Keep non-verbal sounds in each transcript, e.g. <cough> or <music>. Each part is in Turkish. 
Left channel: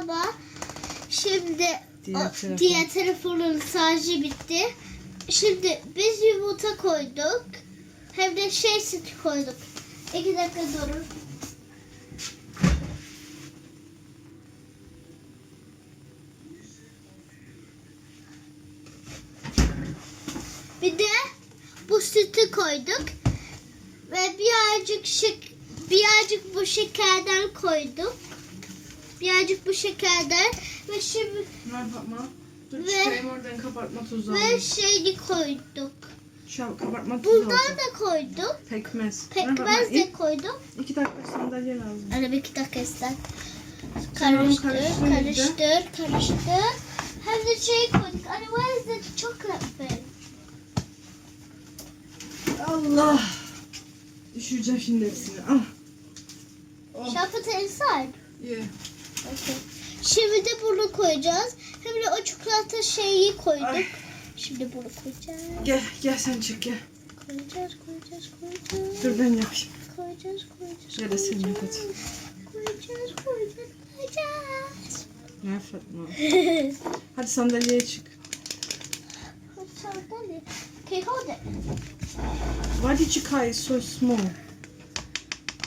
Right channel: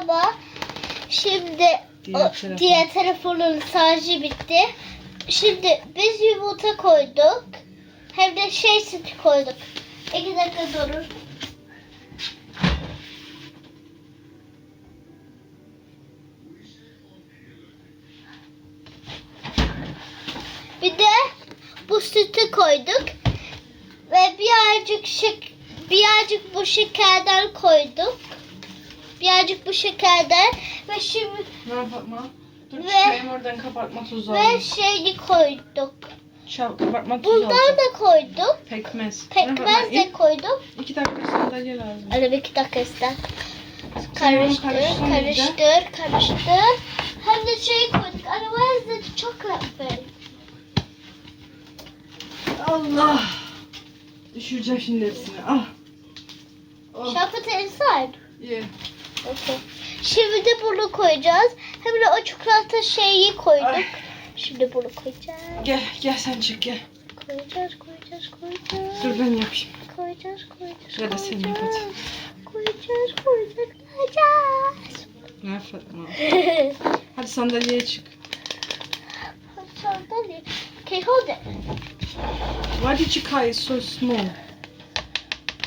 Tamam. Şimdi Diğer o, telefon. diğer telefonun şarjı bitti. Şimdi biz yumurta koyduk. Hem de şey süt koyduk. İki dakika durun. Bir de bu sütü koyduk. Ve birazcık şek birazcık bu şekerden koyduk. Birazcık bu şekerden ve şimdi Ne yapma? Dur Ve- çıkayım oradan kapatma tuzu ve alayım. şeyi koyduk. Çal kapatma tuzu Bundan da koyduk. Pekmez. Pekmez de koyduk. İki dakika sandalye lazım. Hadi bir iki dakika ister. Karıştır, karıştır karıştır, karıştır. Hem de şey koyduk. İs the chocolate thing? Allah. Düşüreceğim şimdi hepsini. Al. Oh, Shall I put it inside? Şimdi de bunu koyacağız. Hem de o çikolata şeyi koyduk. Ay. Şimdi bunu koyacağız. Gel gel sen çık gel. Koyacağız, koyacağız, koyacağız. Dur ben yapayım. Koyacağız, koyacağız, Ya da sen yap hadi. koyacağız. Koyacağız, koyacağız. Ne Fatma? <laughs> Hadi sandalyeye çık. Sandalye. Okay, hold it. Why did you it so small?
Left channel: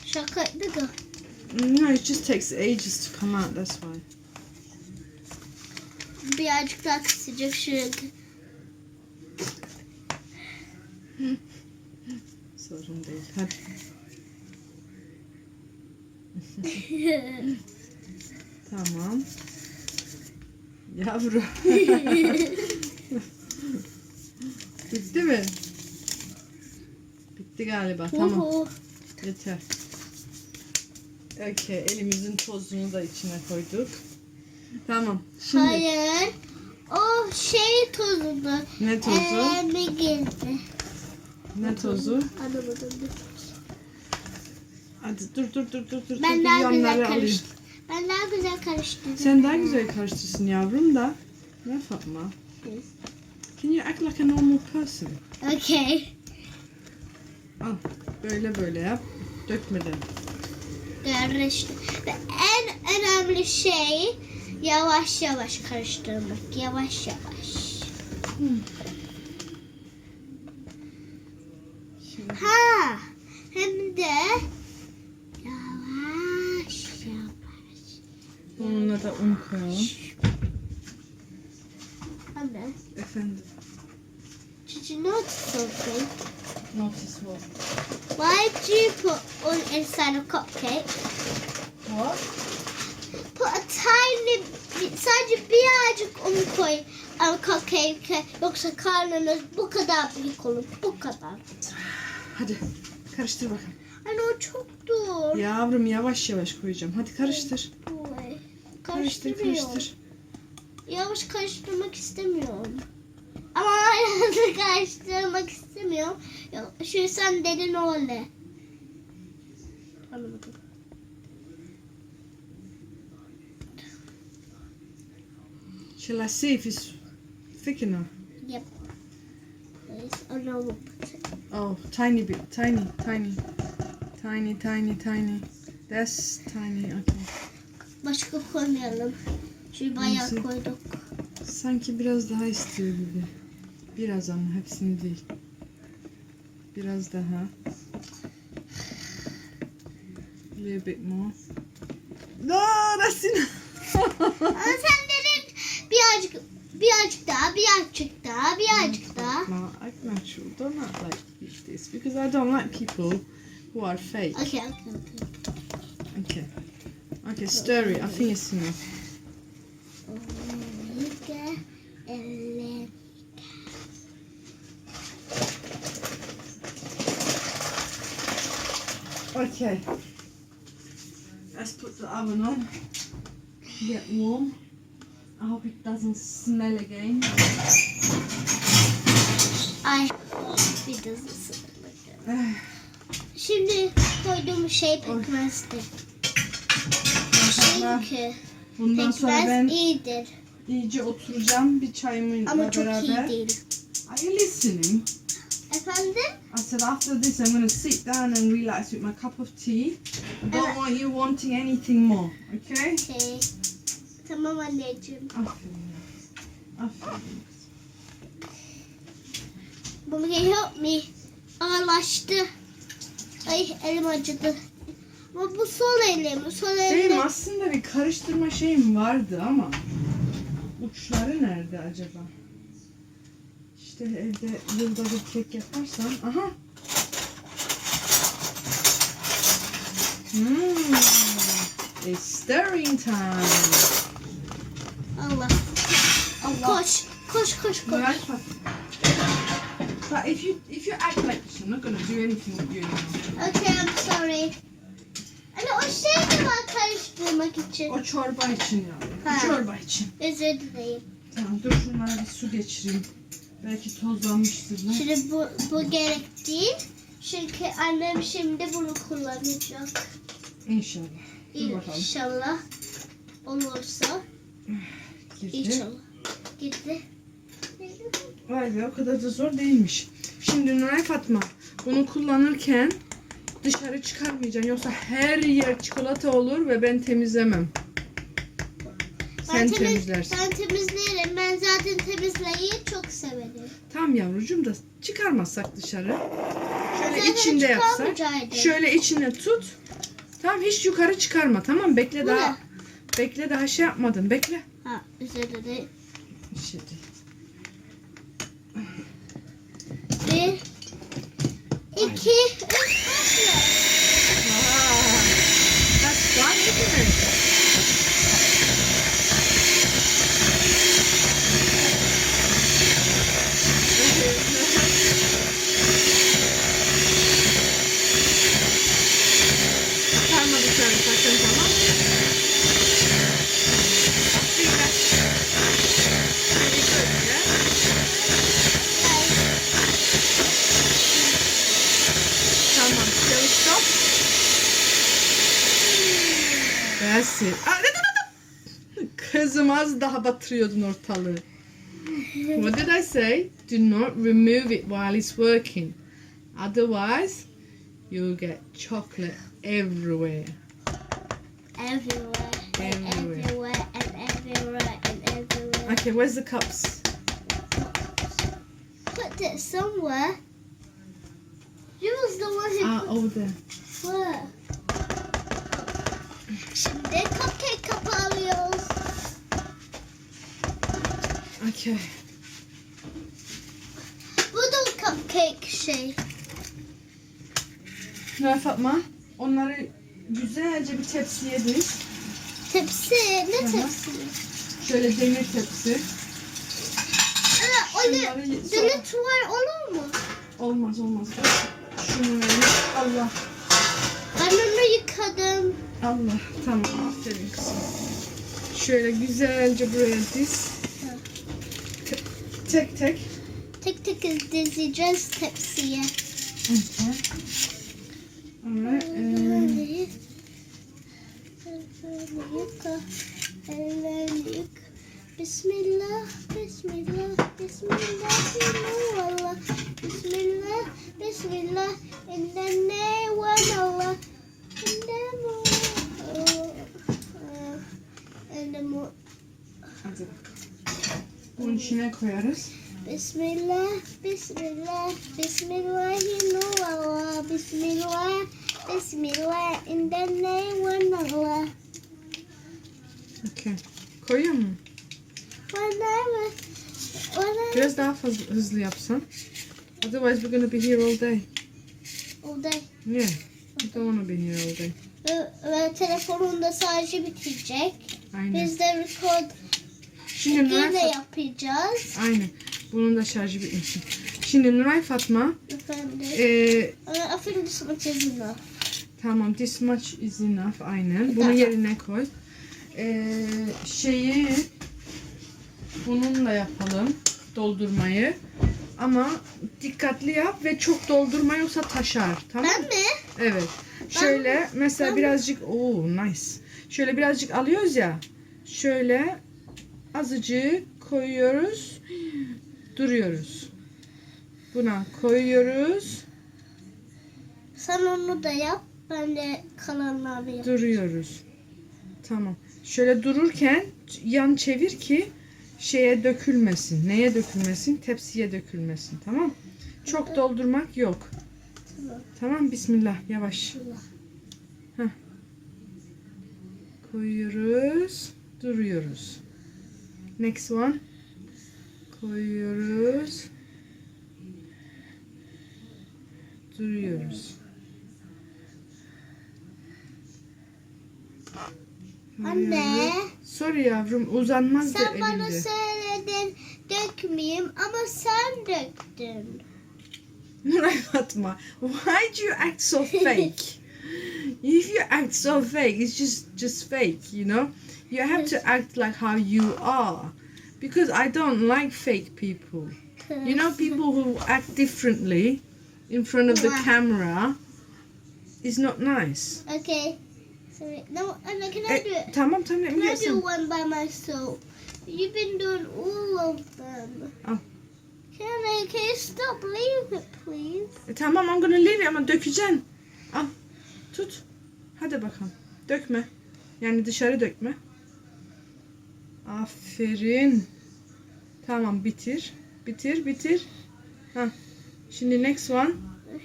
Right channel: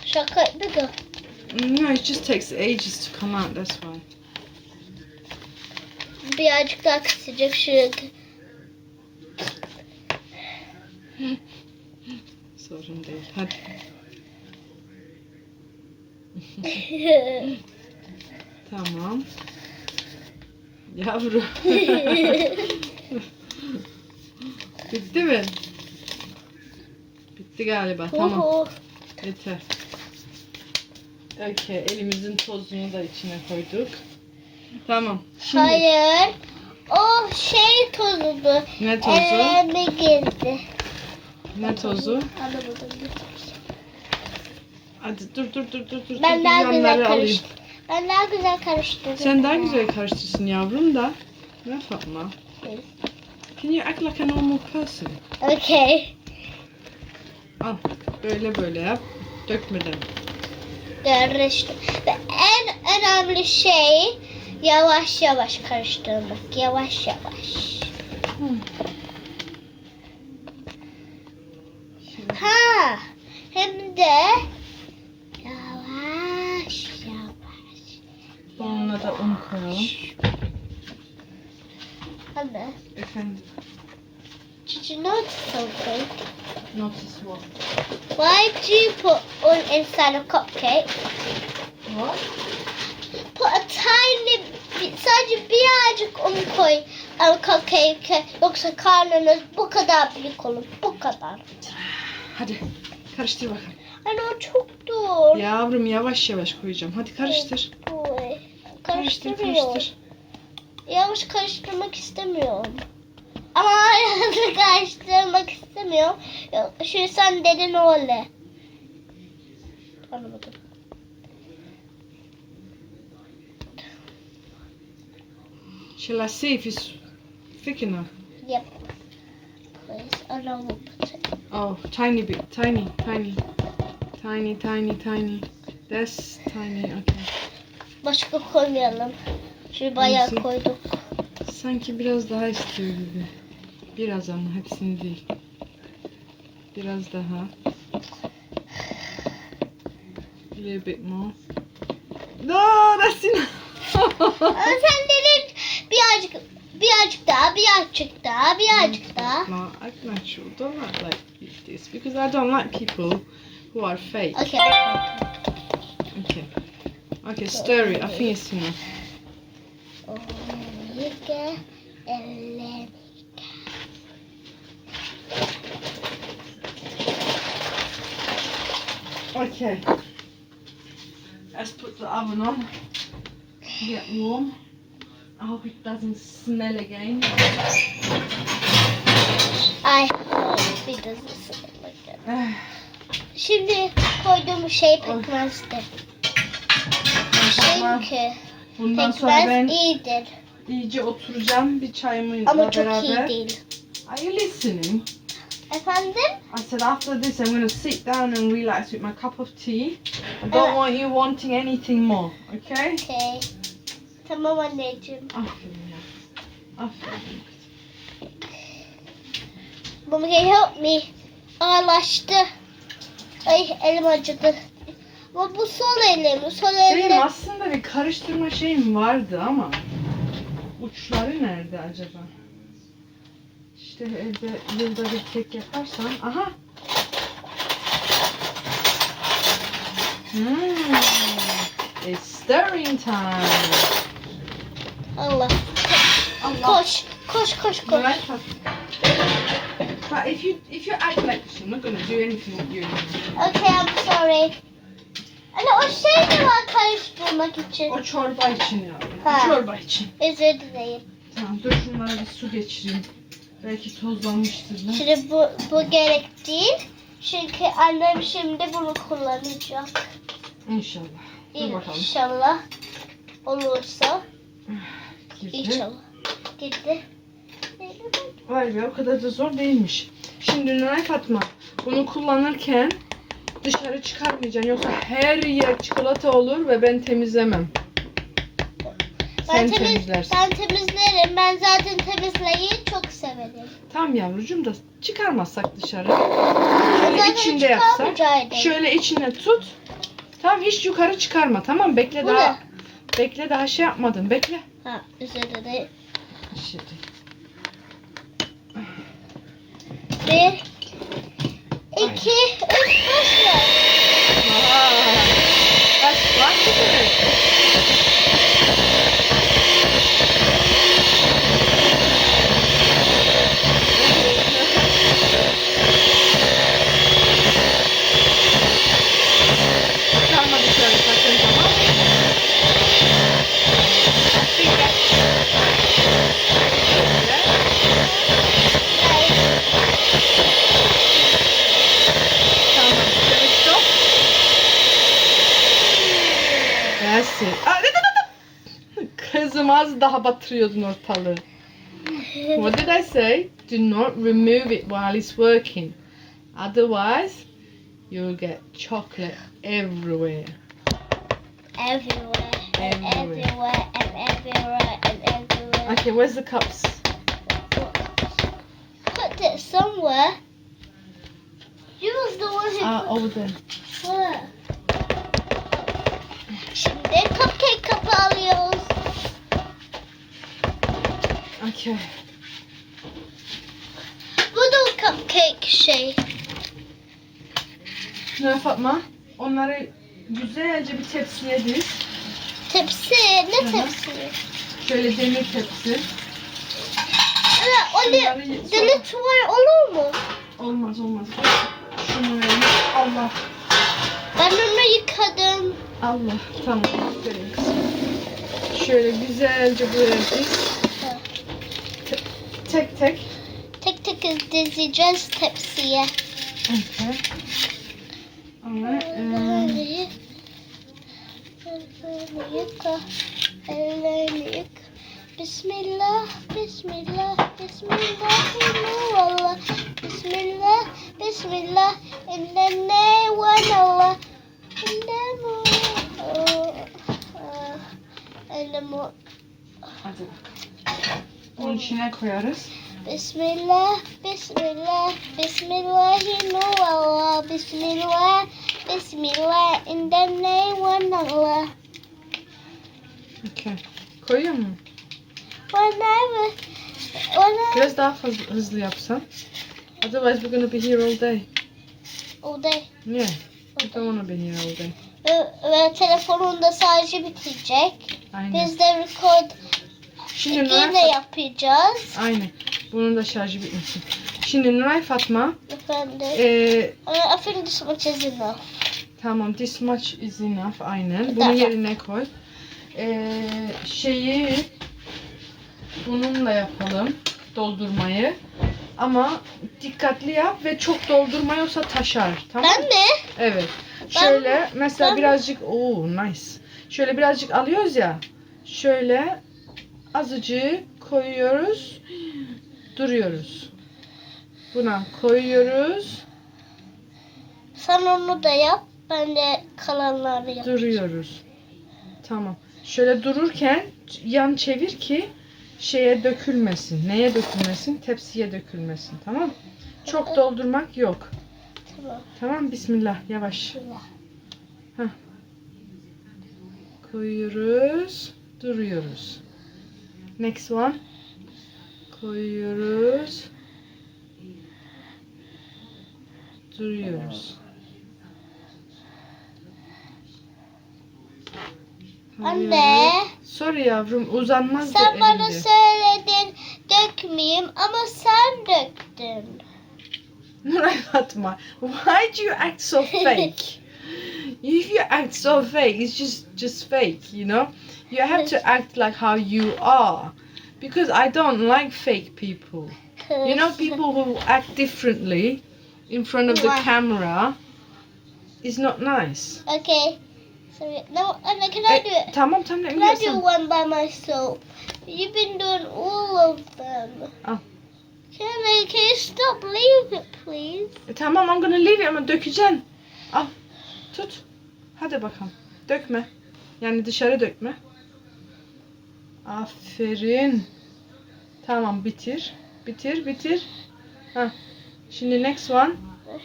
Şaka bigger. No, it just takes ages to come out, that's why. Birazcık daha kısacak şuraya. Sorun değil. Hadi. Tamam. Yavru. Bitti mi? Bitti galiba. Tamam. Yeter. Okey. Elimizin tozunu da içine koyduk. Tamam. Şimdi Hayır. O şey tozudu. ne tozu? Elime girdi. Ne tozu? Anlamadım. Hadi dur dur dur dur dur. Ben dur, daha yanları güzel alayım. karıştırdım. Ben daha güzel karıştırdım. Sen daha güzel karıştırsın yavrum da. Ne Fatma? Evet. Can you act like a normal person? Okay. Al. Böyle böyle yap. Dökmeden. Karıştır. Ve en önemli şey yavaş yavaş karıştırmak. Yavaş yavaş. Ha. Hem de yavaş yavaş. Onunla da un koyalım. Anne. Efendim. Did you something? Notice what? Why do you put un inside a cupcake? What? Put a tiny, sadece birazcık un koy a cupcake. Yoksa karnınız bu kadar büyük olur. Bu kadar. Hadi. Karıştır bakalım. Anne o çok dur. Yavrum yavaş yavaş koyacağım. Hadi karıştır. Oy. Karıştır karıştır. Yavaş karıştırmak istemiyorum. Ama hızlı karıştırmak istemiyorum. Yok, Şu sen dedin öyle. Anlamadım. Shall I see if it's thick enough? Yep. Please. Oh. Oh, tiny bit. Tiny, tiny. Tiny, tiny, tiny. That's tiny. Okay. Başka koymayalım. Şu bayağı koyduk. Sanki biraz daha istiyor gibi. Biraz ama hepsini değil. Biraz daha. A little bit more. No, that's enough. Sen dedin birazcık birazcık daha birazcık daha birazcık daha. No, act natural. Don't act like this because I don't like people who are fake. Okay. Okay. Okay, stir it. I think it's enough. Olika Okay. Let's put the oven on. Get warm. I hope it doesn't smell again. Ay. Bir de ısırmak. Şimdi koyduğum şey pekmezdi. Çünkü Bundan sonra pekmez ben iyidir. iyice oturacağım bir çayımla Ama çok beraber. iyi değil. Are you listening? Efendim? I said after this I'm going to sit down and relax with my cup of tea. I don't Uh, want you wanting anything more, okay? Okay. Tamam anneciğim. Aferin ya. Aferin. Mama can you help me? Ağlaştı. Ay elim acıdı. Ama bu sol elim. Sol Benim elim. aslında bir karıştırma şeyim vardı ama uçları nerede acaba? İşte evde yılda bir kek yaparsan. Aha. Hmm. It's stirring time. Allah. Allah. Koş. Koş koş koş. Right. But if you if you act like this, I'm not gonna do anything with you. Okay I'm sorry. Anne o şey de var karıştırmak için. O çorba için ya. Ha. Çorba için. Özür dilerim. Tamam dur şunlara bir su geçireyim. Belki tozlanmıştır bu. Şimdi bu, bu gerek değil. Çünkü annem şimdi bunu kullanacak. İnşallah. Dur bakalım. İnşallah olursa. Girdi. İnşallah. Gitti. Vay be o kadar da zor değilmiş. Şimdi Nuray Fatma bunu kullanırken dışarı çıkarmayacaksın. Yoksa her yer çikolata olur ve ben temizlemem. Sen temiz- temizlersin. Ben temizlerim. Ben zaten temizlemeyi çok severim. Tamam yavrucuğum da çıkarmazsak dışarı. Şöyle zaten içinde yapsak. Şöyle içine tut. Tamam hiç yukarı çıkarma. Tamam bekle Bu daha. ne? Bekle daha şey yapmadın. Bekle. Ha, dilerim. Şey değil. Bir, iki, üç, başla. That's wonderful. Daha batırıyordun ortalığı. What did I say? Do not remove it while it's working. Otherwise, you'll get chocolate everywhere. Everywhere, and Everywhere. everywhere, and everywhere, and everywhere. Okay, where's the cups? Put it somewhere. You was the one who Ah, put over there. Where? Şimdi cupcake kapı alıyoruz. Okay. Bu da cupcake şey. Ne Fatma? Onları güzelce bir tepsiye diz. Tepsi. Ne tepsi? Şöyle demir tepsi. Şunları öyle ye- deli olur mu? Olmaz olmaz. Şunu verin. Allah. Ben onu yıkadım. Allah. Tamam. Aferin kızım. Şöyle güzelce buraya diz. Ha. Te- Tek tek. Tek tek dizeceğiz tepsiye. Okay. Alright. Um, Ellerini yık. Ellerini yıka. Ellerini yık. Bismillah, Bismillah, Bismillahirrahmanirrahim. Bismillah, Bismillah, in the name of Allah. In the name of in the mo- Onun içine koyarız. Bismillah, Bismillah, Bismillahirrahmanirrahim. Bismillah, Bismillah, in the name of Allah. Okay. Koyuyor mu? Whenever, whenever, Biraz daha fazla hızlı yapsan. Otherwise we're gonna be here all day. all day. Yeah. I don't wanna be here all day. Ve, ve telefonunda sadece bitecek. Aynen. Biz de record Şimdi Nuray Fatma. yapacağız. Aynen. Bunun da şarjı bitmişsin. Şimdi Nuray Fatma. Efendim. Ee, I think this much is enough. tamam this much is enough. Aynen. Bunu Tamam. yerine koy. Ee, şeyi bununla yapalım. Doldurmayı. Ama dikkatli yap ve çok doldurma yoksa taşar. Tamam Ben mi? Evet. Şöyle mesela ben- birazcık oh nice. Şöyle birazcık alıyoruz ya. Şöyle azıcık koyuyoruz. Duruyoruz. Buna koyuyoruz. Sen onu da yap. Ben de kalanları yap. Duruyoruz. Tamam. Şöyle dururken yan çevir ki şeye dökülmesin. Neye dökülmesin? Tepsiye dökülmesin. Tamam? Çok doldurmak yok. Tamam. Tamam bismillah yavaş. Şöyle. Koyuyoruz. Duruyoruz. Next one. Koyuyoruz. Duruyoruz. Anne. Sorry yavrum uzanmaz da Sen bana elimde. söyledin dökmeyeyim ama sen döktün. Nuray Fatma, why do you act so fake? <laughs> if you act so fake, it's just just fake, you know. You have to act like how you are, because I don't like fake people. You know, people who act differently in front of the camera is not nice. Okay. Sorry. No, Anna, can I eh, do Eh, it? tamam tamam let me Can I get do some. one by myself? You've been doing all of them. Al. Can I, can you stop leave it, please? E, tamam I'm gonna leave it ama dökeceksin. Al. Ah, tut. Hadi bakalım. Dökme. Yani dışarı dökme. Aferin. Tamam bitir. Bitir bitir. Ha. Şimdi next one.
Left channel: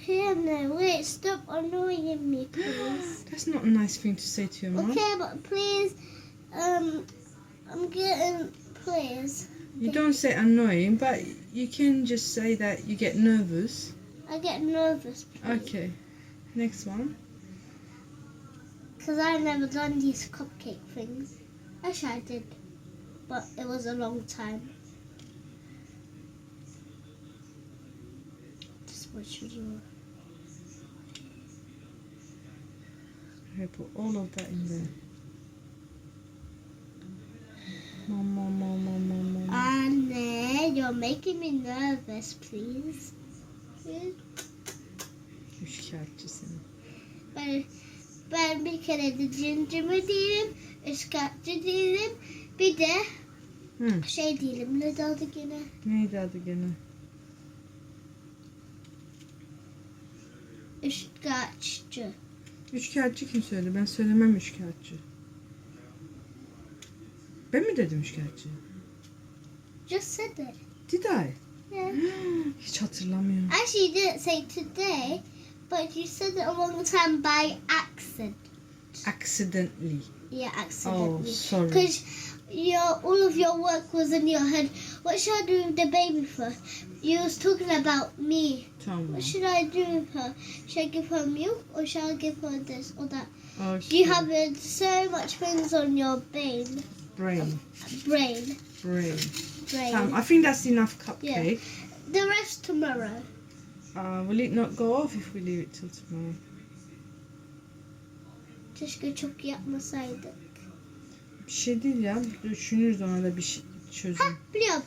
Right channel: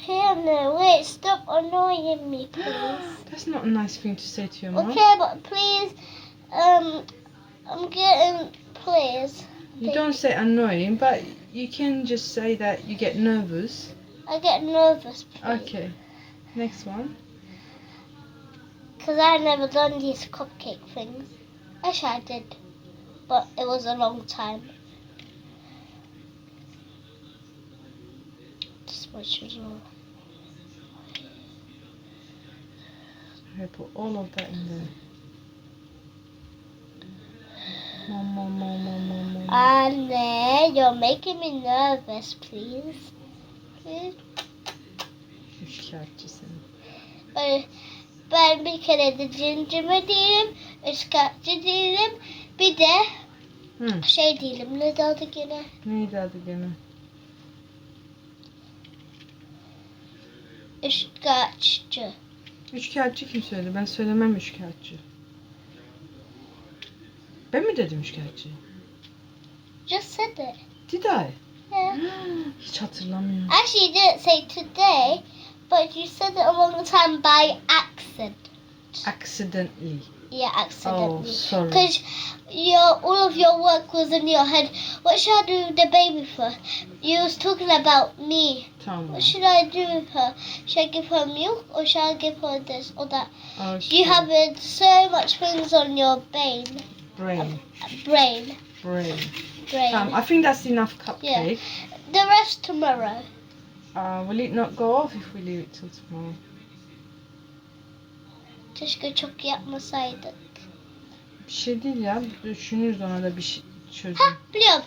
Anna, wait, stop annoying me, please. That's not a nice thing to say to your mom. Okay, but please, um, I'm getting, please. You don't say annoying, but you can just say that you get nervous. I get nervous, please. Okay. Next one. Because I've never done these cupcake things. Actually, I did. But it was a long time. Just much as well. Okay, put all of that in there. More, more, more, more, more, more. Anne, you're making me nervous, please. Please. Üçkağıtçısın. Ben, ben bir kere de cincime değilim, ıskatçı değilim, bir de Hı. şey değilim. Ne de adı gene? Neydi adı gene? Iskatçı. Üçkağıtçı kim söyledi? Ben söylemem üçkağıtçı. Ben mi dedim üçkağıtçı? Just said it. Did I? Yeah. Hiç hatırlamıyorum. Actually, you didn't say today, but you said it a long time by accident. Accidentally. Yeah, Oh, accidentally. sorry. Because your all of your work was in your head. What should I do with the baby for? You was talking about me. Tamam. What should I do with her? Should I give her milk or should I give her this or that? Oh, You have so much things on your brain, Brain. brain, Brain. brain. Um, I think that's enough cupcake. Yeah. the rest tomorrow. Uh, will it not go off if we leave it till tomorrow? Keşke çok yapmasaydık. Bir şey değil ya. Düşünürüz ona da bir şey çözüm. Ha biliyorum.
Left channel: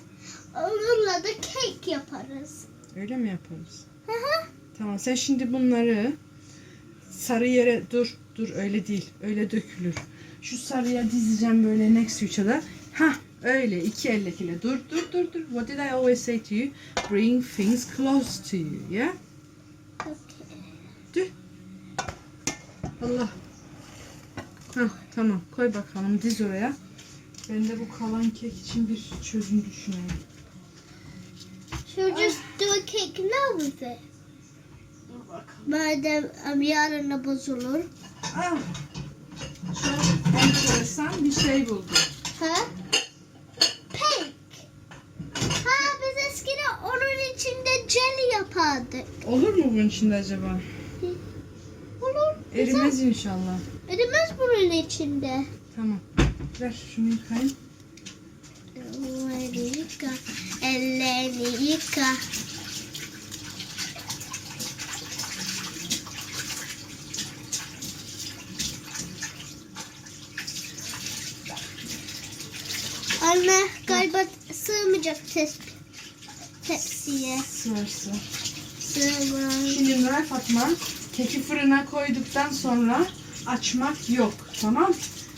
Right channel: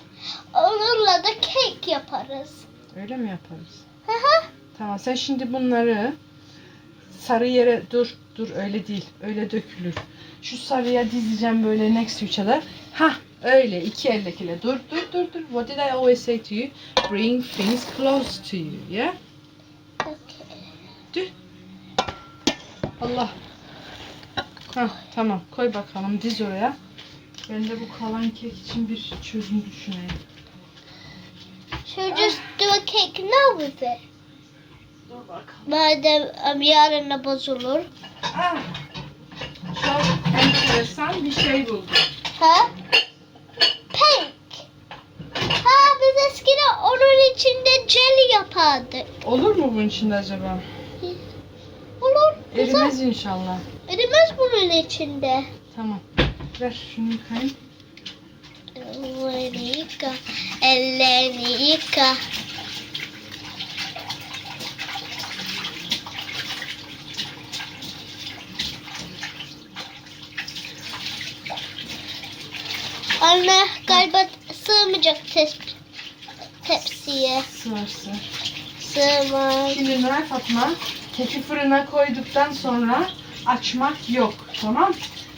Onunla da kek yaparız. Öyle mi yaparız? Hı hı. Tamam sen şimdi bunları sarı yere dur dur öyle değil öyle dökülür. Şu sarıya dizeceğim böyle next to each other. Ha öyle iki eldekiyle dur dur dur dur. What did I always say to you? Bring things close to you. Yeah? Okay. Allah. Ha tamam koy bakalım diz oraya. Ben de bu kalan kek için bir çözüm düşüneyim. Should we just do a cake now with it? Dur bakalım. Madem um, yarın da bozulur. Ah, çok enteresan bir şey buldum. Ha? Pink. Ha biz eskiden onun içinde jelly yapardık. Olur mu bunun içinde acaba? Olur. Güzel. Erimez inşallah. Bunun içinde. Tamam. Ver şunu yıkayayım. Ellerini yıka. Ellerini yıka. Anne galiba sığmayacak tep tepsiye. Sığırsı. Sığmaz. Şimdi Nuray Fatma keki fırına koyduktan sonra açmak yok. Tamam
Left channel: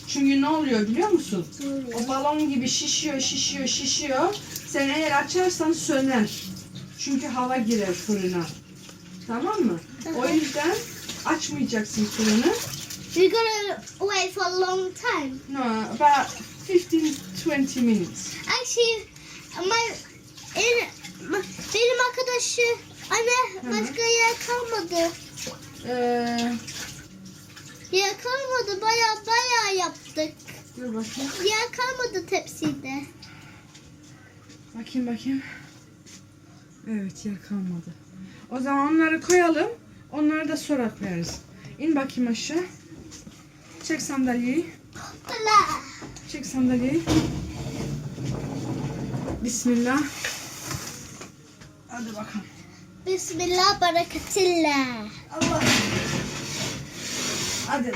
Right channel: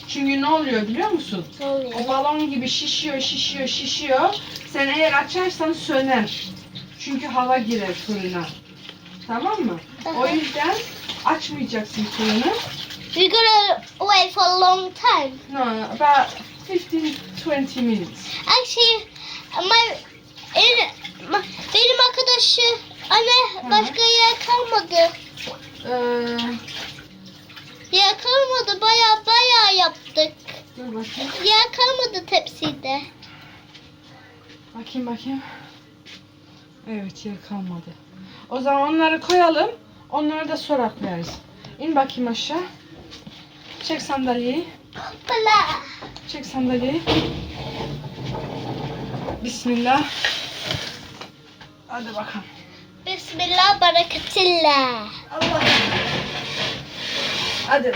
Çünkü ne oluyor biliyor musun? Ne oluyor? O balon gibi şişiyor, şişiyor, şişiyor. Sen eğer açarsan söner. Çünkü hava girer fırına. Tamam mı? O yüzden açmayacaksın fırını. We're gonna wait for a long time. No, about 15-20 minutes. Actually, my, in, my benim arkadaşı anne başka yer kalmadı. Ee, Yer kalmadı. Baya baya yaptık. dur bakayım. Yer kalmadı tepside. Bakayım bakayım. Evet yer kalmadı. O zaman onları koyalım. Onları da sonra koyarız. İn bakayım aşağı. Çek sandalyeyi. Bala. Çek sandalyeyi. Bismillah. Hadi bakalım. Bismillah bereketillah. Allah. Hadi.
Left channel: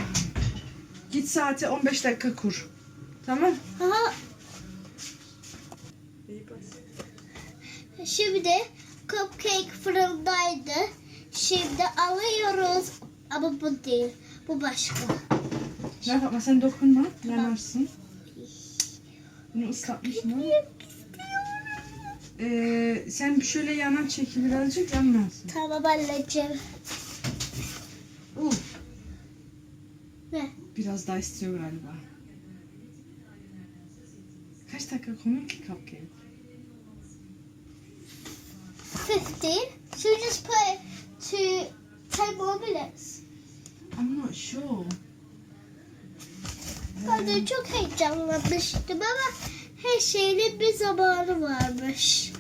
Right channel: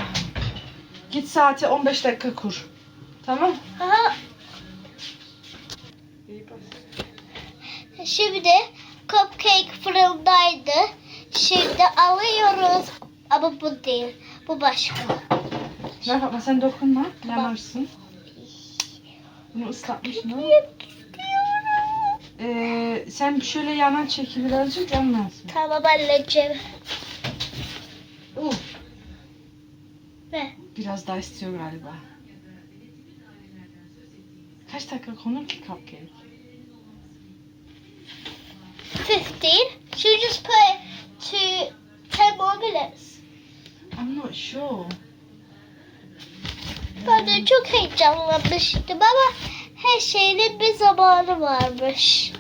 Git saati 15 dakika kur. Tamam. Aha, İyi bak. Şimdi cupcake fırındaydı. Şimdi alıyoruz. Ama bu değil. Bu başka. Bakma sen dokunma. Yanarsın. Bunu ıslatmışsın ama. Ee, sen şöyle yanan çeki birazcık yanmazsın. Tamam anneciğim. Uh, Ve biraz daha istiyor galiba. Kaç dakika konur ki cupcake? 15. Should we just put it to 10 more minutes? I'm not sure. Ben de çok heyecanlanmıştım ama her şeyin bir zamanı varmış.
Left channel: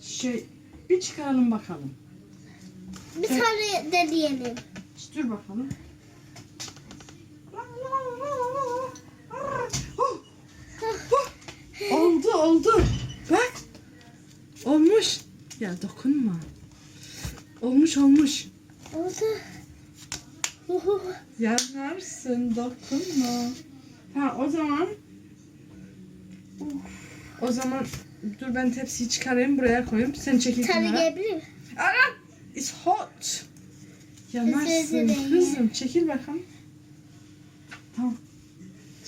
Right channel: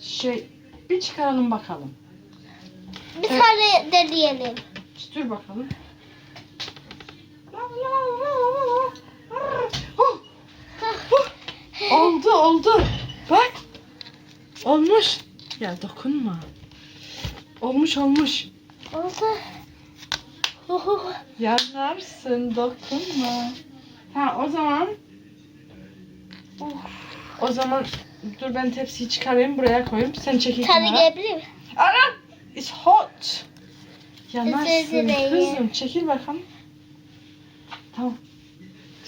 Şey, bir çıkaralım bakalım. Bir tane deneyelim. Dur bakalım. Oh, oh. Oldu oldu. Bak. Olmuş. Ya dokunma. Olmuş olmuş. Oldu. <laughs> Yanarsın dokunma. Ha o zaman Oh. o zaman dur ben tepsiyi çıkarayım buraya koyayım. Sen çekil kenara. gelebilir? Ana! It's hot. Yanarsın kızım. Çekil bakalım. Tamam.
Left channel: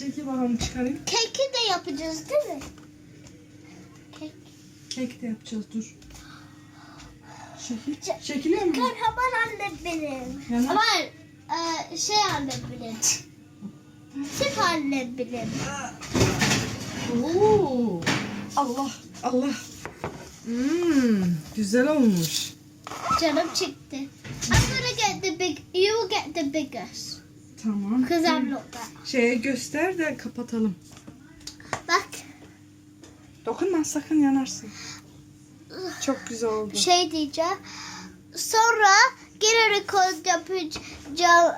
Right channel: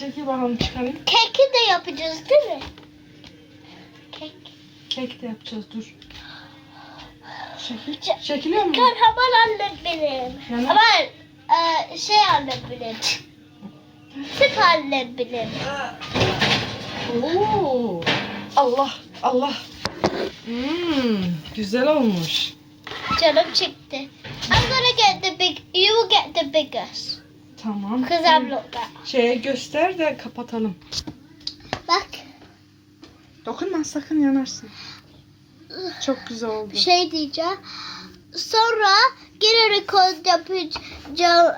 Çekil bakalım çıkarayım. Keki de yapacağız değil mi? Kek. Kek de yapacağız dur. Çekil. Ç- Çekiliyor mu? Kahraman annem benim. Yana- Ama e, şey annem benim. Süt annem benim. Oo. Allah Allah. Hmm, güzel olmuş. Canım çıktı. I'm gonna get the big, you will get the biggest. Tamam. Not that. Şeye göster de kapatalım. Bak Dokunma sakın yanarsın. Çok güzel oldu. şey diyeceğim. Sonra gene rekord yapacağım.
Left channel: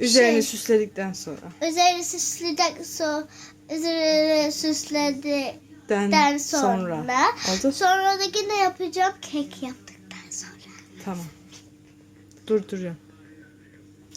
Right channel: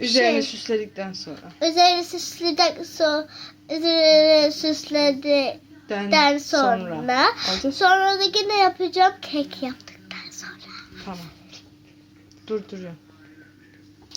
Üzerini şey, süsledikten sonra. üzerine süsledikten sonra üzerine süsledikten sonra. Oldu. Sonra da yine yapacağım kek yaptıktan sonra. Tamam. Durduruyorum.